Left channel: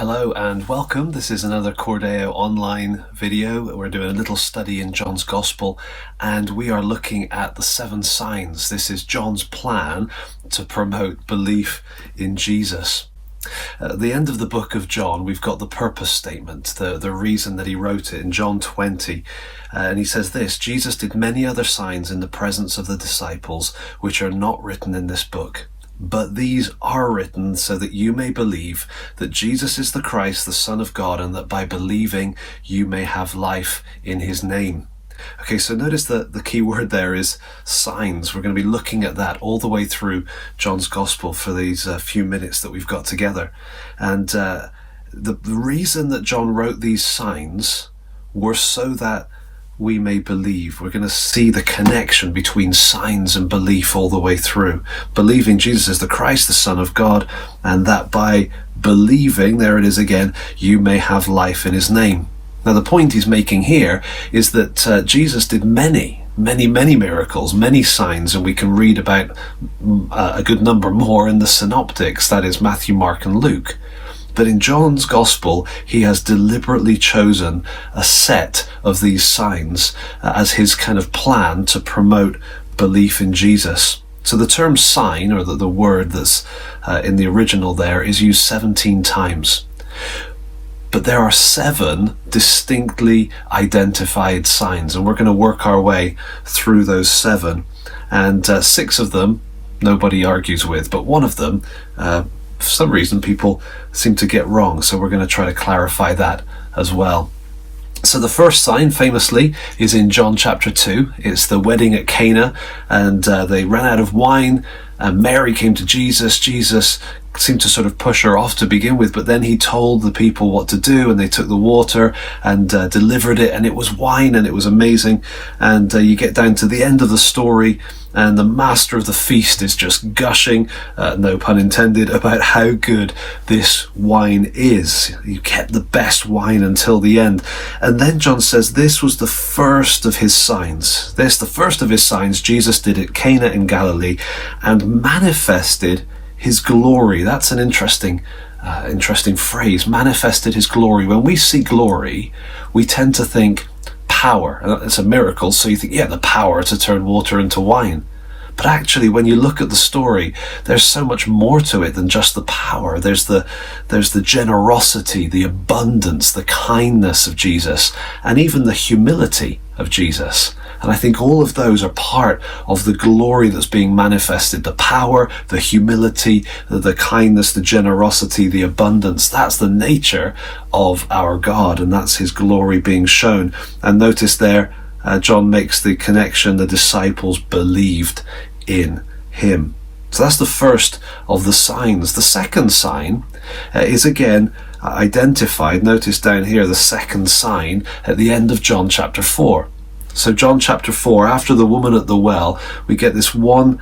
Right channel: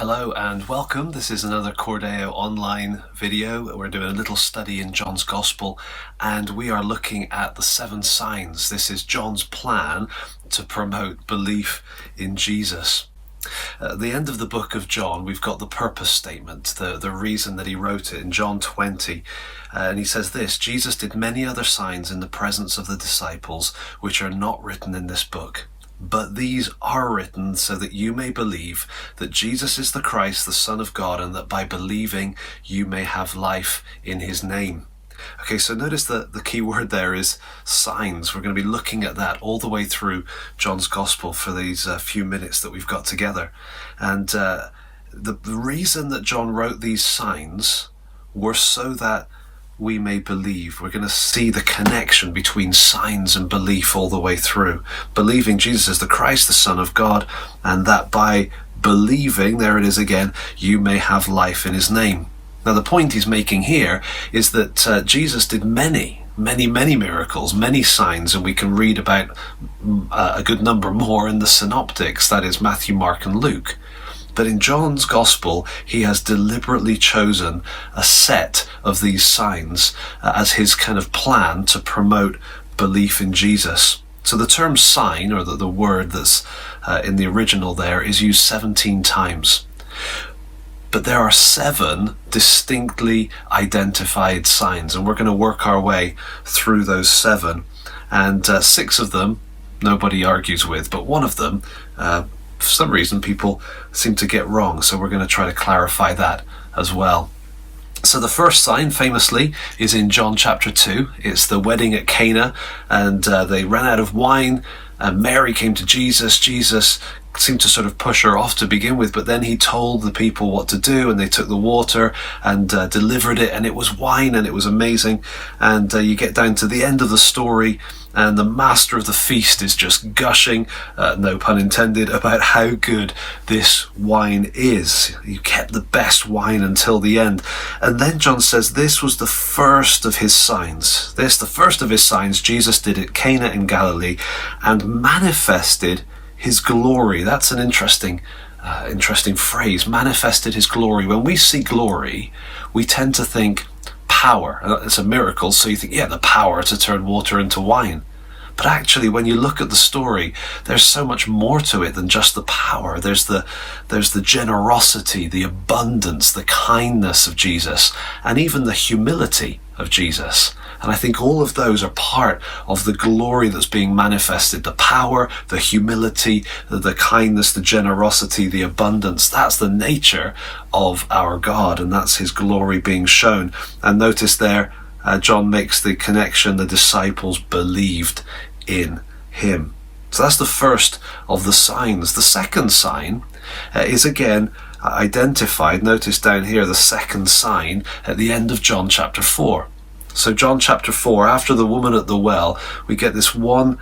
Hello and welcome. This is another Cor Deo Online video. We're doing a little study in John's Gospel and we are looking at the 7 signs. This is John's plan to promote belief in Jesus. At the end of the book of John, we've got the purpose statement, the reason that he wrote it in John 20. And he says this: Jesus did many other signs in the presence of the disciples, which are not written in this book. But these are written so that you may believe that Jesus is the Christ, the Son of God, and that by believing you may have life in his name. Okay, so notice that the key word there is signs. We're going to be looking at that all the way through John's Gospel for these few minutes that we've got together. And the reason that John wrote these signs were so that we may believe. We're going to see the connection between signs and belief all the way through. Believing Jesus is the Christ, the Son of God, and that by believing, there it is again, you may have life in his name. Now the point he's making here is that Jesus did many miracles, many signs, and we can read about a good number more in the synoptics, that is Matthew, Mark and Luke. But in John's Gospel, he has deliberately chosen a set of these signs as his kind of plan to promote belief in Jesus. So the term sign, or the word that's in the original there, is used 17 times. But there are 7 distinctly identified signs, and we're going to work our way through those 7. And 6 of them nobody argues with, but one of them for some reason people seem to get wrong, so we're going to try to clarify that as well. So the first sign, famously, is in John chapter 2. It's the wedding at Cana, and they ran out of wine. Mary came to Jesus. Jesus seemed to sort of push her off to begin with, but then he told the people what to do, and they took the water and delivered it, and it was wine, and it was amazing. And you get down to the end of the story, and the master of the feast is just gushing, no pun intended, about how good this wine is. You kept the best wine until the end. And then John says this was the first of his signs. The first of his signs Jesus did at Cana in Galilee and manifested his glory. That's an interesting phrase, manifested his glory. When we see glory, we tend to think power. It's a miracle, so you think, yeah, the power to turn water into wine. But actually, when you look at the story, there's so much more to it than just the power. There's the generosity, the abundance, the kindness of Jesus, and even the humility of Jesus. And I think all of those are part of the glory that's being manifested. The power, the humility, the kindness, the generosity, the abundance. That's the nature of our God, and that's his glory being shown. And notice there, John makes the connection, the disciples believed in him. So that's the first of the signs. The second sign is again identified. Notice down here the second sign at the end of John chapter 4. So John chapter 4, after the woman at the well, we get this one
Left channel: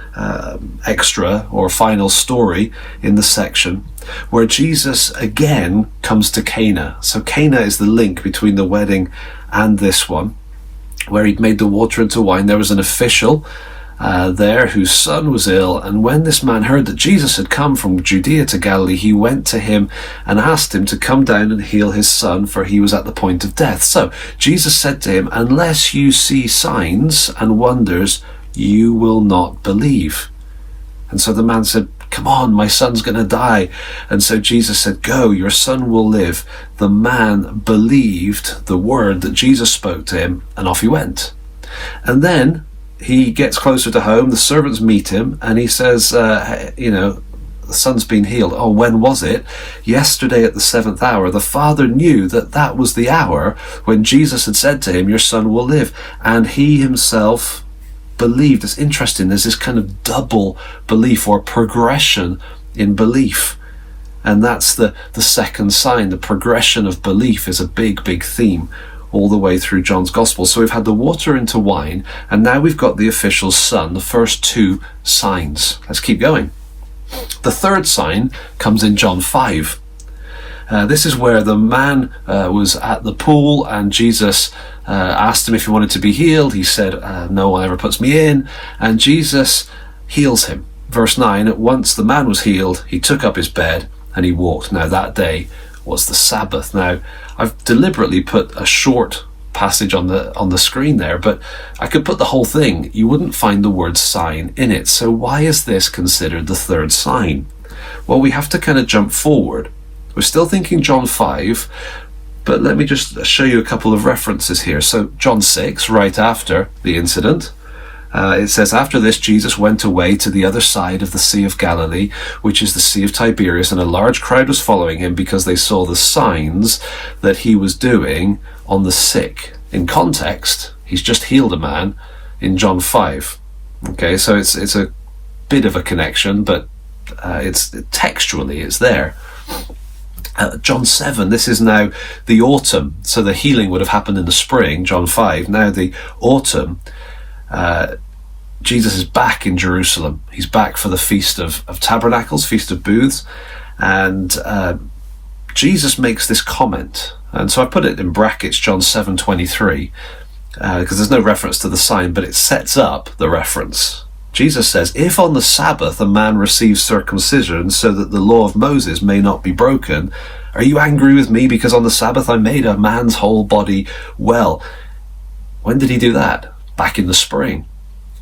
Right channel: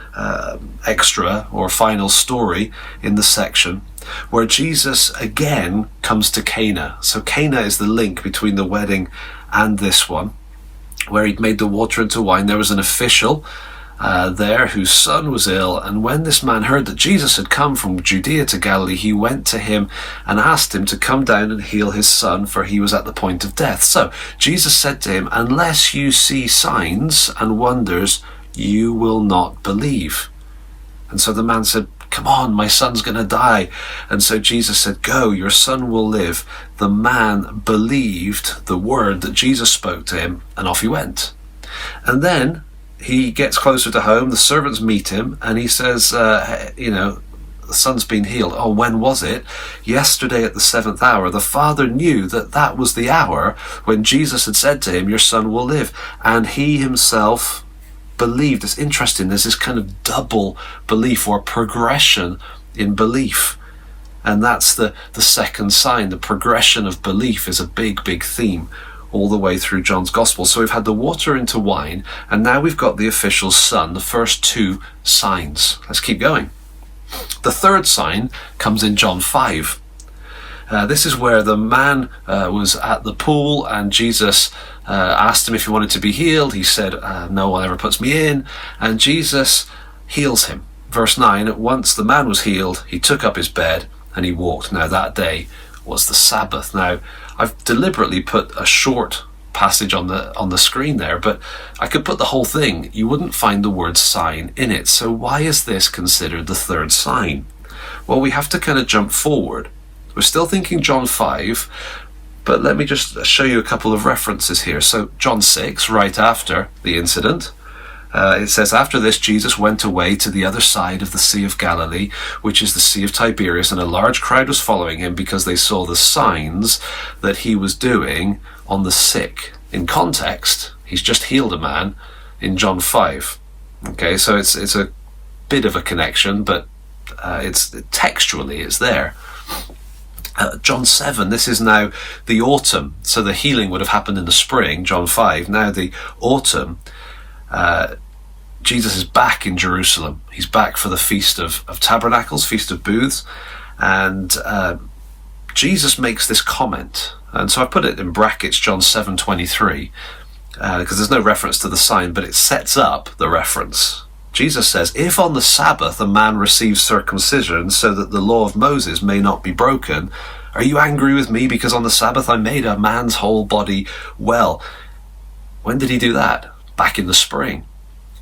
extra or final story in the section where Jesus again comes to Cana. So Cana is the link between the wedding and this one, where he'd made the water into wine. There was an official there whose son was ill, and when this man heard that Jesus had come from Judea to Galilee, he went to him and asked him to come down and heal his son, for he was at the point of death. So Jesus said to him, unless you see signs and wonders, you will not believe. And so the man said, come on, my son's going to die. And so Jesus said, go, your son will live. The man believed the word that Jesus spoke to him, and off he went. And then he gets closer to home, the servants meet him, and he says, the son's been healed. Oh, when was it? Yesterday at the 7th hour. The father knew that was the hour when Jesus had said to him, your son will live. And he himself believed. It's interesting, there's this kind of double belief or progression in belief. And that's the second sign. The progression of belief is a big theme all the way through John's Gospel. So we've had the water into wine, and now we've got the official's son, the first 2 signs. Let's keep going. The third sign comes in John 5. This is where the man was at the pool, and Jesus asked him if he wanted to be healed. He said, no one ever puts me in. And Jesus heals him. Verse 9, once the man was healed, he took up his bed and he walked. Now that day was the Sabbath. Now, I've deliberately put a short passage on the screen there, but I could put the whole thing. You wouldn't find the word sign in it. So why is this considered the third sign? Well, we have to kind of jump forward. We're still thinking John 5, but let me just show you a couple of references here. So John 6, right after the incident, it says, after this, Jesus went away to the other side of the Sea of Galilee, which is the Sea of Tiberias, and a large crowd was following him because they saw the signs that he was doing on the sick. In context, he's just healed a man in John 5. Okay, so it's a bit of a connection, but it's textually it's there. John 7, this is now the autumn. So the healing would have happened in the spring, John 5. Now the autumn, Jesus is back in Jerusalem. He's back for the Feast of Tabernacles, Feast of Booths. And Jesus makes this comment. And so I put it in brackets, John 7:23, because there's no reference to the sign, but it sets up the reference. Jesus says, if on the Sabbath a man receives circumcision so that the law of Moses may not be broken, are you angry with me because on the Sabbath I made a man's whole body well? When did he do that? Back in the spring.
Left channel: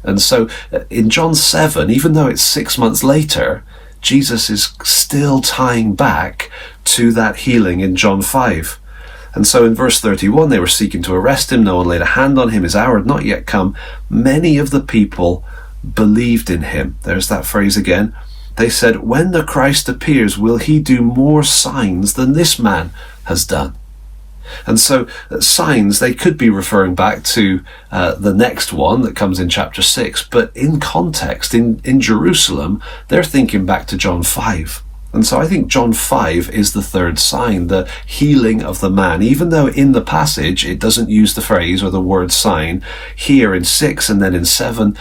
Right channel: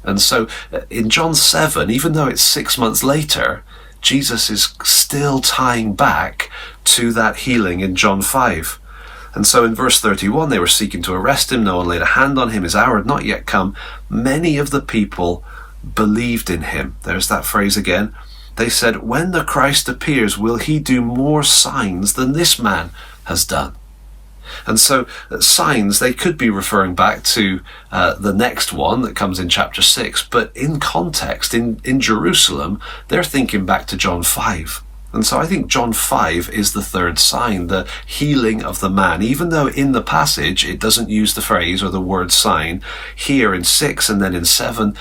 And so in John 7, even though it's 6 months later, Jesus is still tying back to that healing in John 5. And so in verse 31, they were seeking to arrest him. No one laid a hand on him. His hour had not yet come. Many of the people believed in him. There's that phrase again. They said, when the Christ appears, will he do more signs than this man has done? And so signs, they could be referring back to the next one that comes in chapter 6, but in context, in Jerusalem, they're thinking back to John 5. And so I think John 5 is the third sign, the healing of the man. Even though in the passage it doesn't use the phrase or the word sign, here in 6 and then in 7,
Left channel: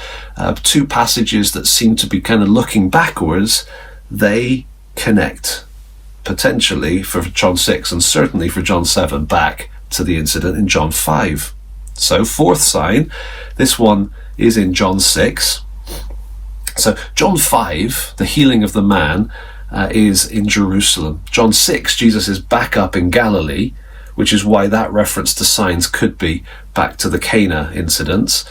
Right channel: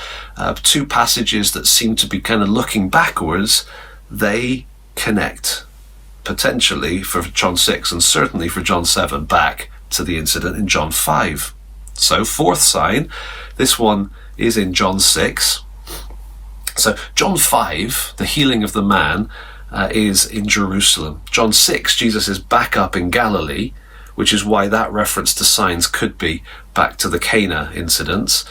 two passages that seem to be kind of looking backwards, they connect potentially for John 6 and certainly for John 7 back to the incident in John 5. So fourth sign, this one is in John 6. So John 5, the healing of the man, is in Jerusalem. John 6, Jesus is back up in Galilee, which is why that reference to signs could be back to the Cana incidents.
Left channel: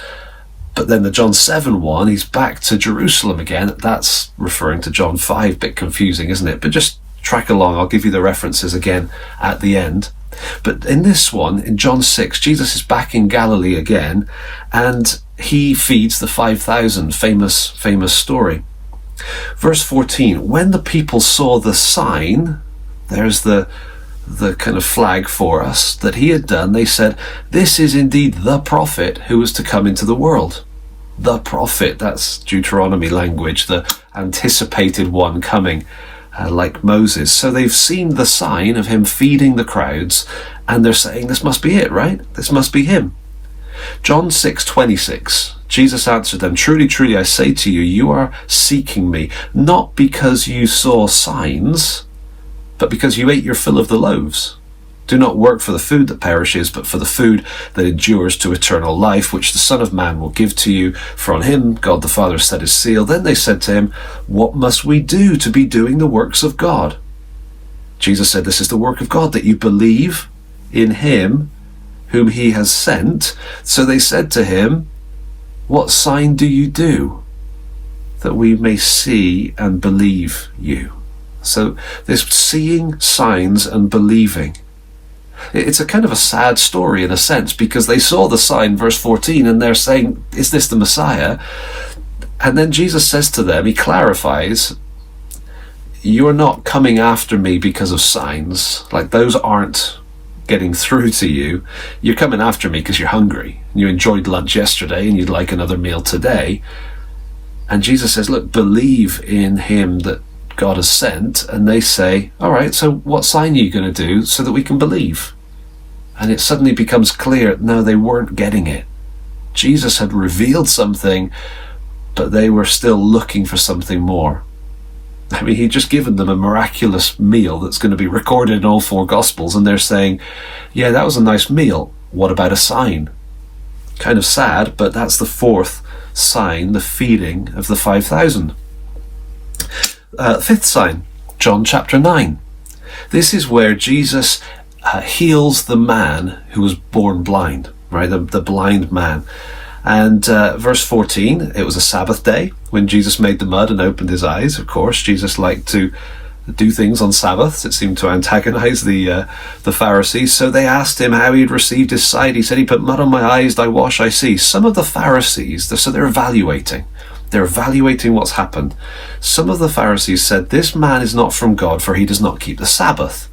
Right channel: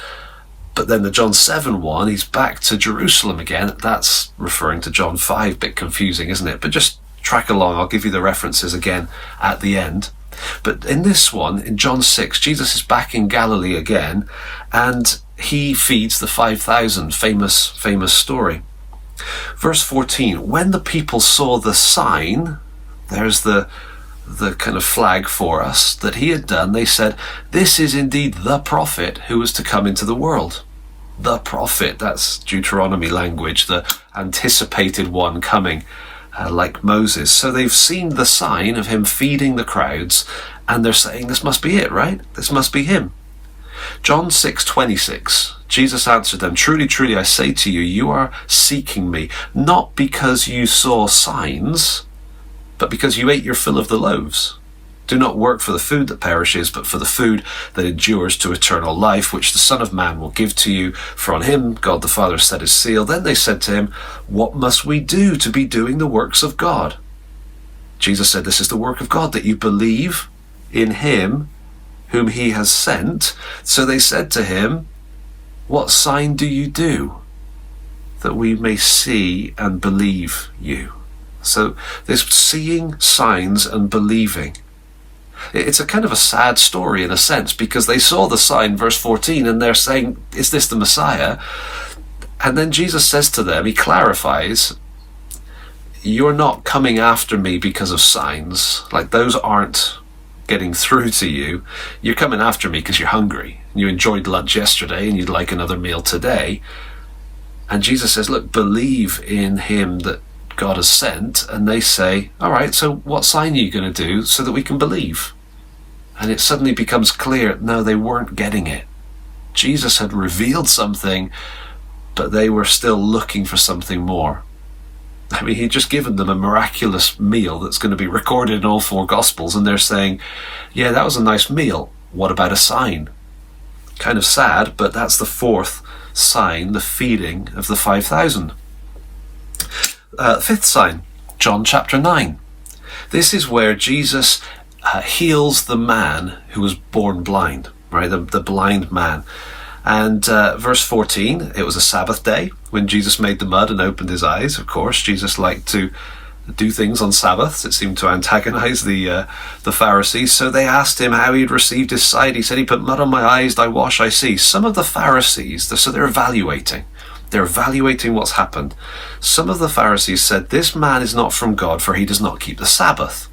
But then the John 7 one, he's back to Jerusalem again. That's referring to John 5. Bit confusing, isn't it? But just track along. I'll give you the references again at the end. But in this one, in John 6, Jesus is back in Galilee again, and he feeds the 5,000, famous story. Verse 14, when the people saw the sign, there's the kind of flag for us, that he had done, they said, this is indeed the prophet who was to come into the world. The prophet, that's Deuteronomy language, the anticipated one coming, like Moses. So they've seen the sign of him feeding the crowds, and they're saying, this must be it, right? This must be him. John 6:26, Jesus answered them, truly, truly, I say to you, you are seeking me, not because you saw signs, but because you ate your fill of the loaves. Do not work for the food that perishes, but for the food that endures to eternal life, which the Son of Man will give to you. For on him God the Father set his seal. Then they said to him, what must we do to be doing the works of God? Jesus said, this is the work of God, that you believe in him whom he has sent. So they said to him, what sign do you do, that we may see and believe you? So there's seeing signs and believing. It's a kind of a sad story in a sense, because they saw the sign, verse 14, and they're saying, is this the Messiah? And then Jesus says to them, he clarifies, you're not coming after me because of signs. Like, those aren't getting through to you. You're coming after me because you're hungry. You enjoyed lunch yesterday and you'd like another meal today. And Jesus says, look, believe in him that God has sent. And they say, all right, so what sign are you going to do so that we can believe? And it suddenly becomes clear, no, they weren't getting it. Jesus had revealed something, but they were still looking for something more. I mean, he'd just given them a miraculous meal that's going to be recorded in all four Gospels, and they're saying, yeah, that was a nice meal. What about a sign? Kind of sad, but that's the fourth sign, the feeding of the 5,000. Fifth sign, John chapter 9. This is where Jesus heals the man who was born blind, right? The blind man. And verse 14, it was a Sabbath day when Jesus made the mud and opened his eyes. Of course, Jesus liked to do things on Sabbaths. It seemed to antagonize the Pharisees. So they asked him how he'd received his sight. He said, he put mud on my eyes, I wash, I see. Some of the Pharisees, so they're evaluating. They're evaluating what's happened. Some of the Pharisees said, this man is not from God, for he does not keep the Sabbath.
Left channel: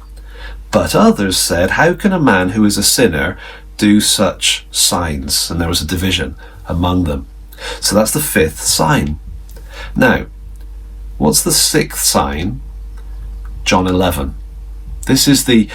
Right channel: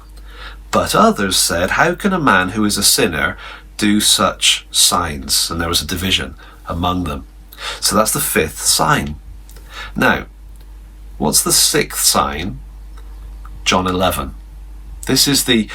But others said, how can a man who is a sinner do such signs? And there was a division among them. So that's the fifth sign. Now, what's the sixth sign? John 11. This is the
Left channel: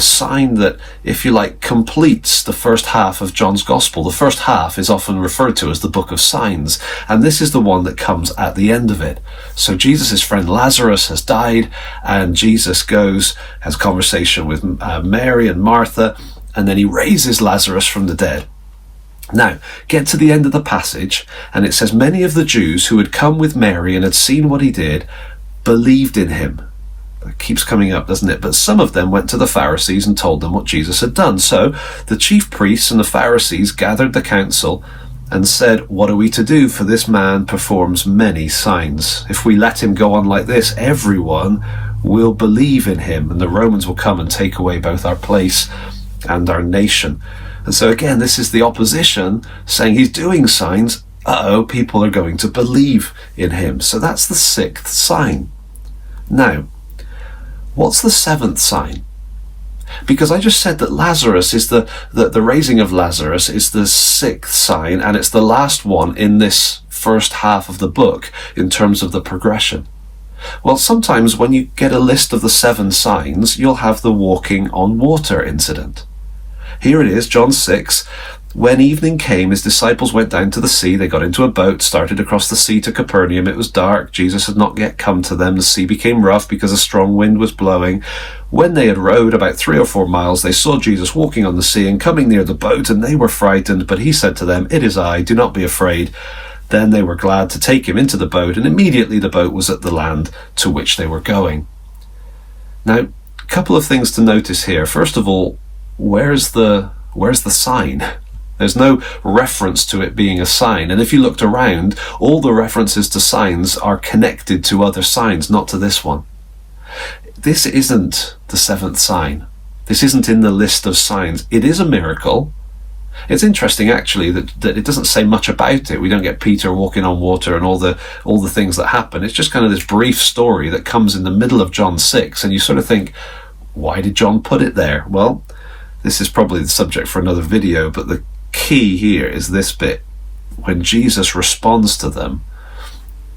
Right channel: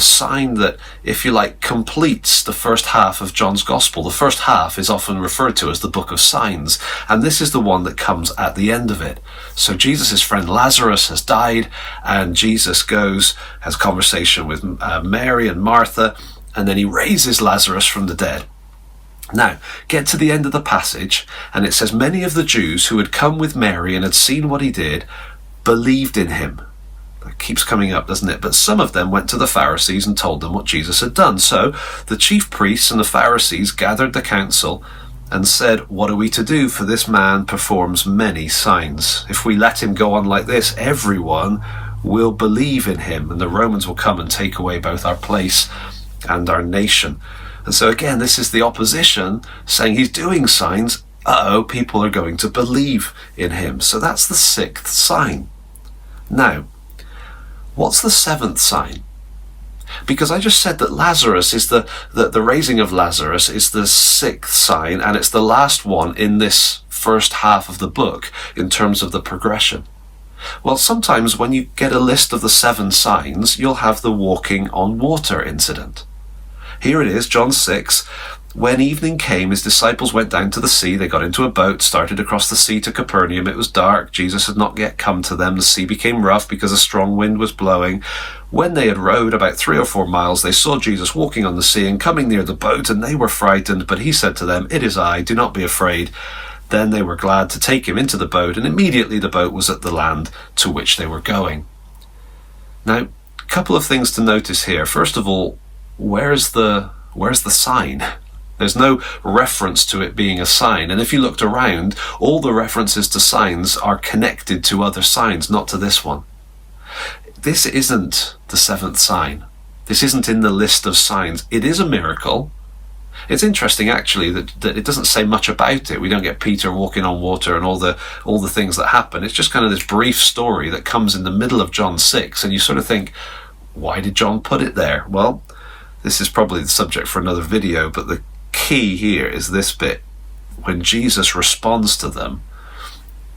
sign that, if you like, completes the first half of John's Gospel. The first half is often referred to as the book of signs, and this is the one that comes at the end of it. So Jesus' friend Lazarus has died, and Jesus goes, has conversation with Mary and Martha, and then he raises Lazarus from the dead. Now, get to the end of the passage, and it says, many of the Jews who had come with Mary and had seen what he did believed in him. That keeps coming up, doesn't it? But some of them went to the Pharisees and told them what Jesus had done. So the chief priests and the Pharisees gathered the council and said, what are we to do? For this man performs many signs. If we let him go on like this, everyone will believe in him, and the Romans will come and take away both our place and our nation. And so again, this is the opposition saying he's doing signs. People are going to believe in him. So that's the sixth sign. Now, what's the seventh sign? Because I just said that Lazarus is the raising of Lazarus is the sixth sign, and it's the last one in this first half of the book in terms of the progression. Well, sometimes when you get a list of the 7 signs, you'll have the walking on water incident. Here it is, John 6. When evening came, his disciples went down to the sea. They got into a boat, started across the sea to Capernaum. It was dark. Jesus had not yet come to them. The sea became rough because a strong wind was blowing. When they had rowed about 3 or 4 miles, they saw Jesus walking on the sea and coming near the boat, and they were frightened. But he said to them, "It is I, do not be afraid." Then they were glad to take him into the boat, and immediately the boat was at the land to which they were going. Now, a couple of things to notice here. First of all, where's the sign? There's no reference to it being a sign. And if you looked around, all the references to signs are connected to other signs, not to this one. This isn't the 7th sign. This isn't in the list of signs. It is a miracle. It's interesting, actually, that it doesn't say much about it. We don't get Peter walking on water and all the things that happen. It's just kind of this brief story that comes in the middle of John 6, and you sort of think, why did John put it there? Well, this is probably the subject for another video, but the key here is this bit. When Jesus responds to them,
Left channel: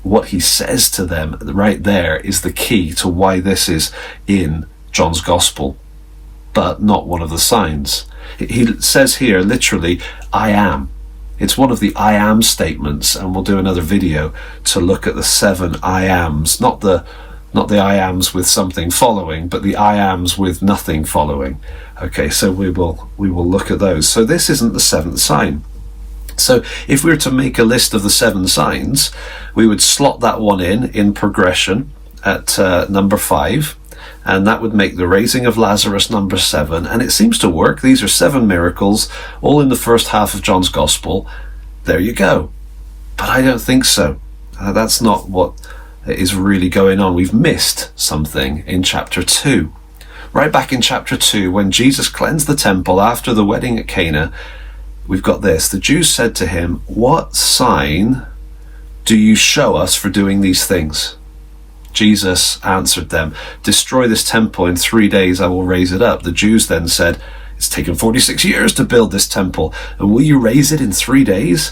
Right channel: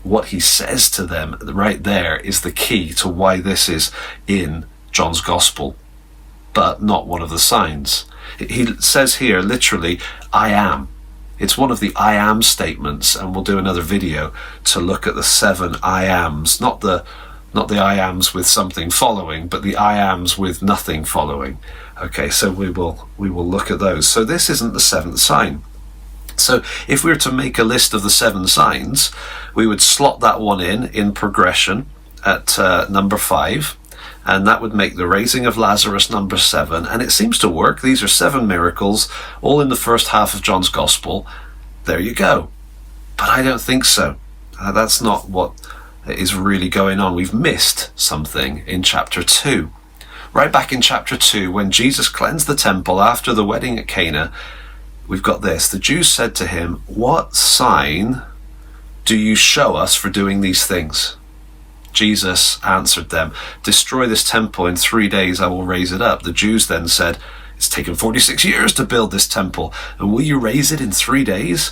what he says to them right there is the key to why this is in John's Gospel, but not one of the signs. He says here, literally, I am. It's one of the I am statements, and we'll do another video to look at the 7 I ams, not the I ams with something following, but the I ams with nothing following. Okay, so we will look at those. So this isn't the 7th sign. So if we were to make a list of the 7 signs, we would slot that one in progression at number 5, and that would make the raising of Lazarus number 7. And it seems to work. These are 7 miracles, all in the first half of John's Gospel. There you go. But I don't think so. That's not what is really going on. We've missed something in chapter 2. Right back in chapter 2, when Jesus cleansed the temple after the wedding at Cana, we've got this. The Jews said to him, "What sign do you show us for doing these things?" Jesus answered them, "Destroy this temple, in 3 days I will raise it up." The Jews then said, "It's taken 46 years to build this temple, and will you raise it in 3 days?"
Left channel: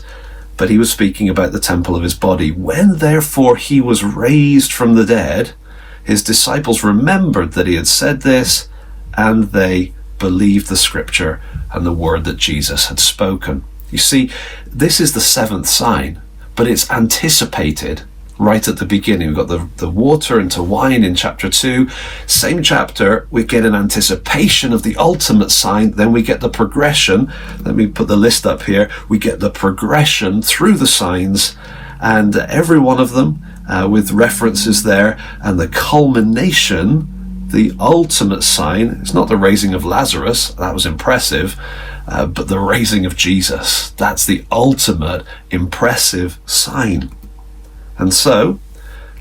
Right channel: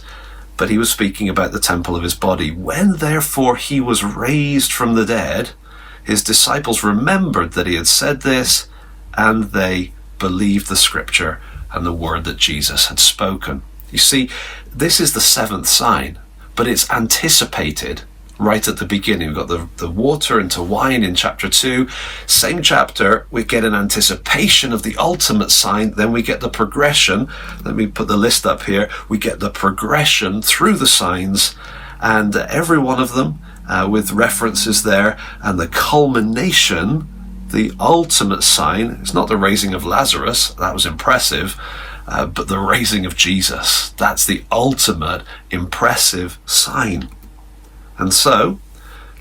But he was speaking about the temple of his body. When therefore he was raised from the dead, his disciples remembered that he had said this, and they believed the scripture and the word that Jesus had spoken. You see, this is the 7th sign, but it's anticipated right at the beginning. We've got the water into wine in chapter 2. Same chapter, we get an anticipation of the ultimate sign. Then we get the progression. Let me put the list up here. We get the progression through the signs, and every one of them with references there. And the culmination The ultimate sign is not the raising of Lazarus, that was impressive, but the raising of Jesus. That's the ultimate impressive sign. And so,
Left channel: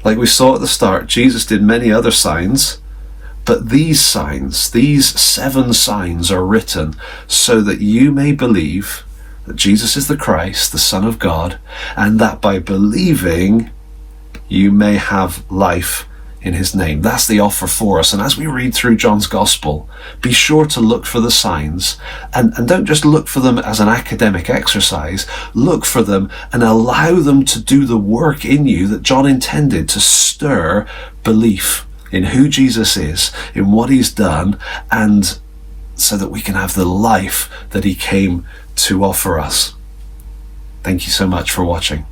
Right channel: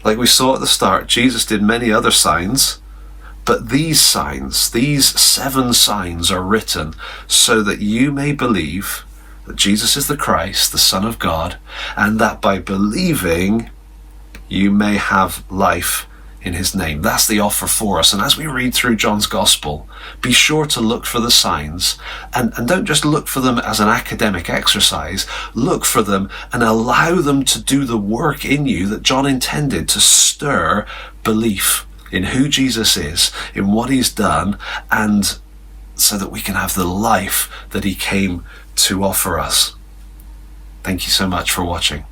like we saw at the start, Jesus did many other signs, but these signs, these 7 signs are written so that you may believe that Jesus is the Christ, the Son of God, and that by believing you may have life in his name. That's the offer for us. And as we read through John's Gospel, be sure to look for the signs, and don't just look for them as an academic exercise. Look for them and allow them to do the work in you that John intended, to stir belief in who Jesus is, in what he's done, and so that we can have the life that he came to offer us. Thank you so much for watching.